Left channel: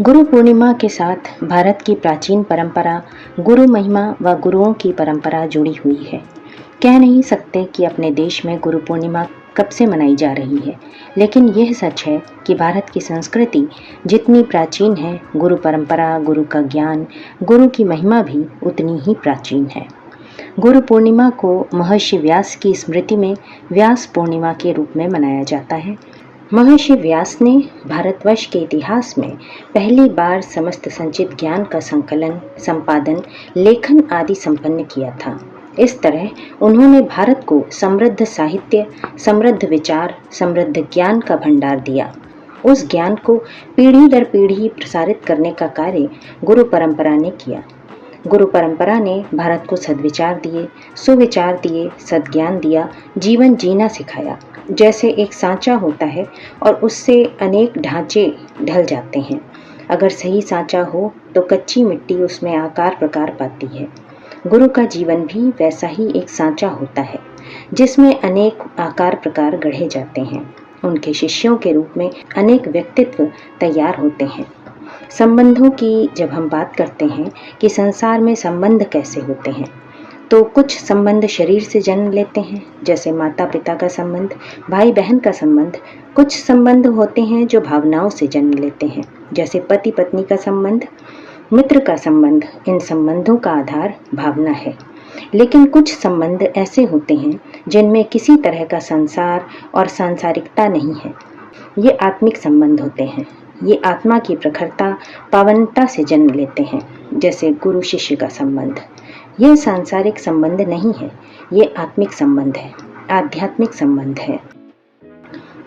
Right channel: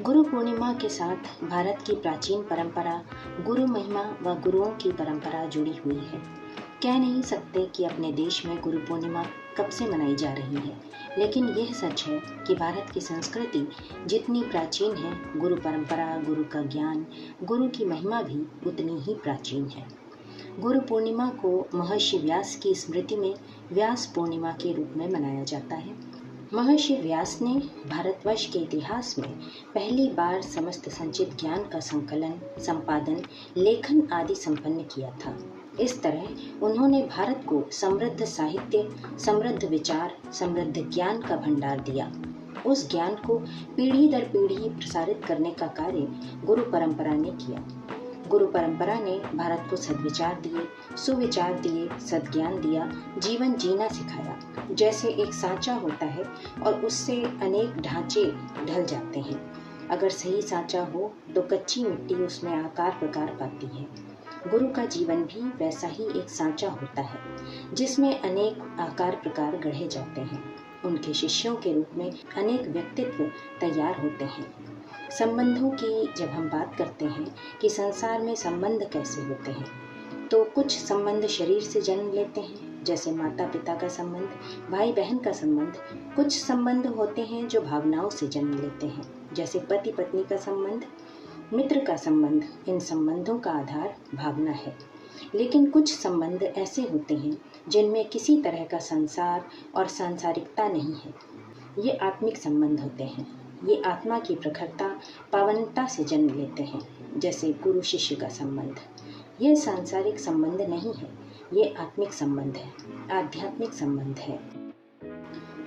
गुरु पूर्णिमा के साथ भारत की प्राचीन परंपरा गुरु महिमा व गुरुओं की परंपरा जुड़ी हुई है। कह नहीं सकते कि अपने देश में गुरु पूर्णिमा कब से मनाई जा रही है, लेकिन यह सच है कि भारत की संस्कृति जितनी प्राचीन है, गुरु परंपरा, गुरु का ज्ञान, गुरु की महिमा भी उतनी ही प्राचीन है। गुरु पूर्णिमा को महर्षि व्यास की स्मृति में व्यास पूर्णिमा के रूप में मनाया जाता है। महर्षि व्यास ने भारतवर्ष के इतिहास में पहली बार समस्त संचित ज्ञान का संकलन, संपादन, लेखन आदि संपन्न किया था। इस तरह उन्होंने भारत को समृद्ध साहित्य, समृद्ध विचार, समृद्ध ज्ञान का भंडार दिया। उस ज्ञान को पीढ़ी दर पीढ़ी प्रसारित करने का कार्य गुरु परंपरा ने किया। गुरु परंपरा ने भारत को सद्विचार दिए, सुविचार दिए, सद्ज्ञान दिया, जीवन जीना सिखाया। जैसे एक सांचा होता है और उससे अनेक ढांचे ढल जाते हैं। अगर सही सांचा हो तो कच्ची मिट्टी उसमें आकार प्रकार पाती है। गुरु का जीवन भी वैसा ही एक सांचा होता है जिसमें अनेक आकार प्रकार गढ़े जाते हैं। उनके शिष्यों के रूप में अनेक व्यक्तित्व तैयार होते हैं। संबंधों की जब हम बात करते हैं कि संसार में संबंध कैसे होते हैं, तो कुछ संबंध शरीर से जन्म लेते हैं, जैसे माता पिता का संबंध, भाई बहन का संबंध। कुछ संबंध होते हैं जो भावनाओं से जन्म लेते हैं, जैसे पति पत्नी का संबंध, मित्र का संबंध। इन संबंधों का आधार भावना है। लेकिन कुछ संबंध ऐसे होते हैं जिनमें किसी तरह का संसार और सांसारिकता नहीं है। ये आत्मिक संबंध होते हैं। ये आत्मा की प्रखरता, पावनता से जन्म लेते हैं, जैसे गुरु शिष्य का संबंध। यह सांसारिक संबंध नहीं है, ये आत्मिक संबंध है, आध्यात्मिक संबंध है।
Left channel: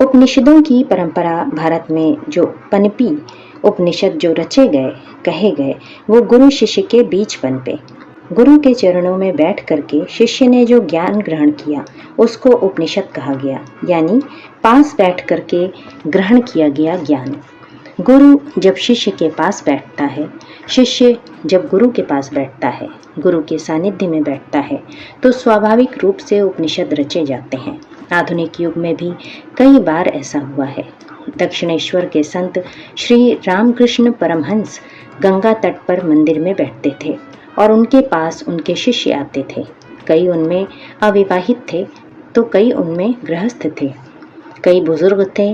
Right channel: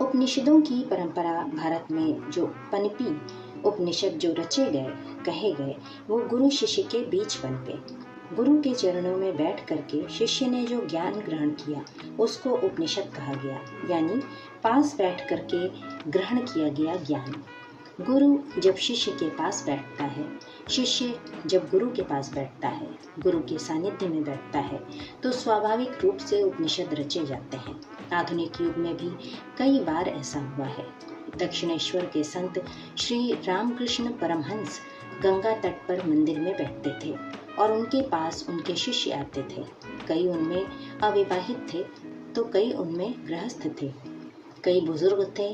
उपनिषदों की परंपरा भारत में जो पनपी, उपनिषद जो रचे गए, कहे गए, वो गुरु शिष्य के बीच पनपे। गुरु के चरणों में बैठ करके शिष्य ने जो ज्ञान ग्रहण किया उसको उपनिषद कहा गया, यानी पास बैठ करके ग्रहण किया गया ज्ञान। गुरु जब शिष्य के पास बैठता है, शिष्य जब गुरु के पास बैठता है, गुरु के सानिध्य में बैठता है, तो स्वाभाविक रूप से उपनिषद रचे जाते हैं। आधुनिक युग में भी कई बार ऐसा हुआ है। दक्षिणेश्वर के संत श्री रामकृष्ण परमहंस गंगा तट पर मंदिर में बैठते थे और उनके पास उनके शिष्य आते थे। कई उनमें अविवाहित थे तो कई उनमें गृहस्थ थे, कई बुजुर्ग थे,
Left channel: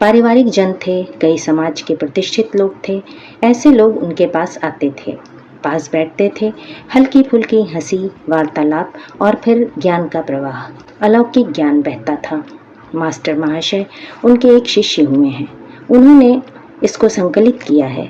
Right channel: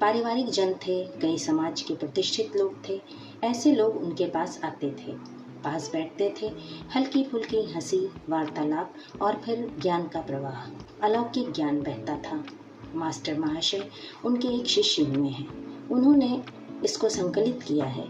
पारिवारिक जन थे, कई समाज के प्रतिष्ठित लोग थे। ऐसे लोग उनके पास आते थे, पास बैठते थे, हल्की फुल्की हंसी, वार्तालाप और फिर ज्ञान का प्रवाह, अलौकिक ज्ञान बहता था। मास्टर महाशय उनके एक शिष्य हुए हैं। उन्होंने इसको संकलित किया है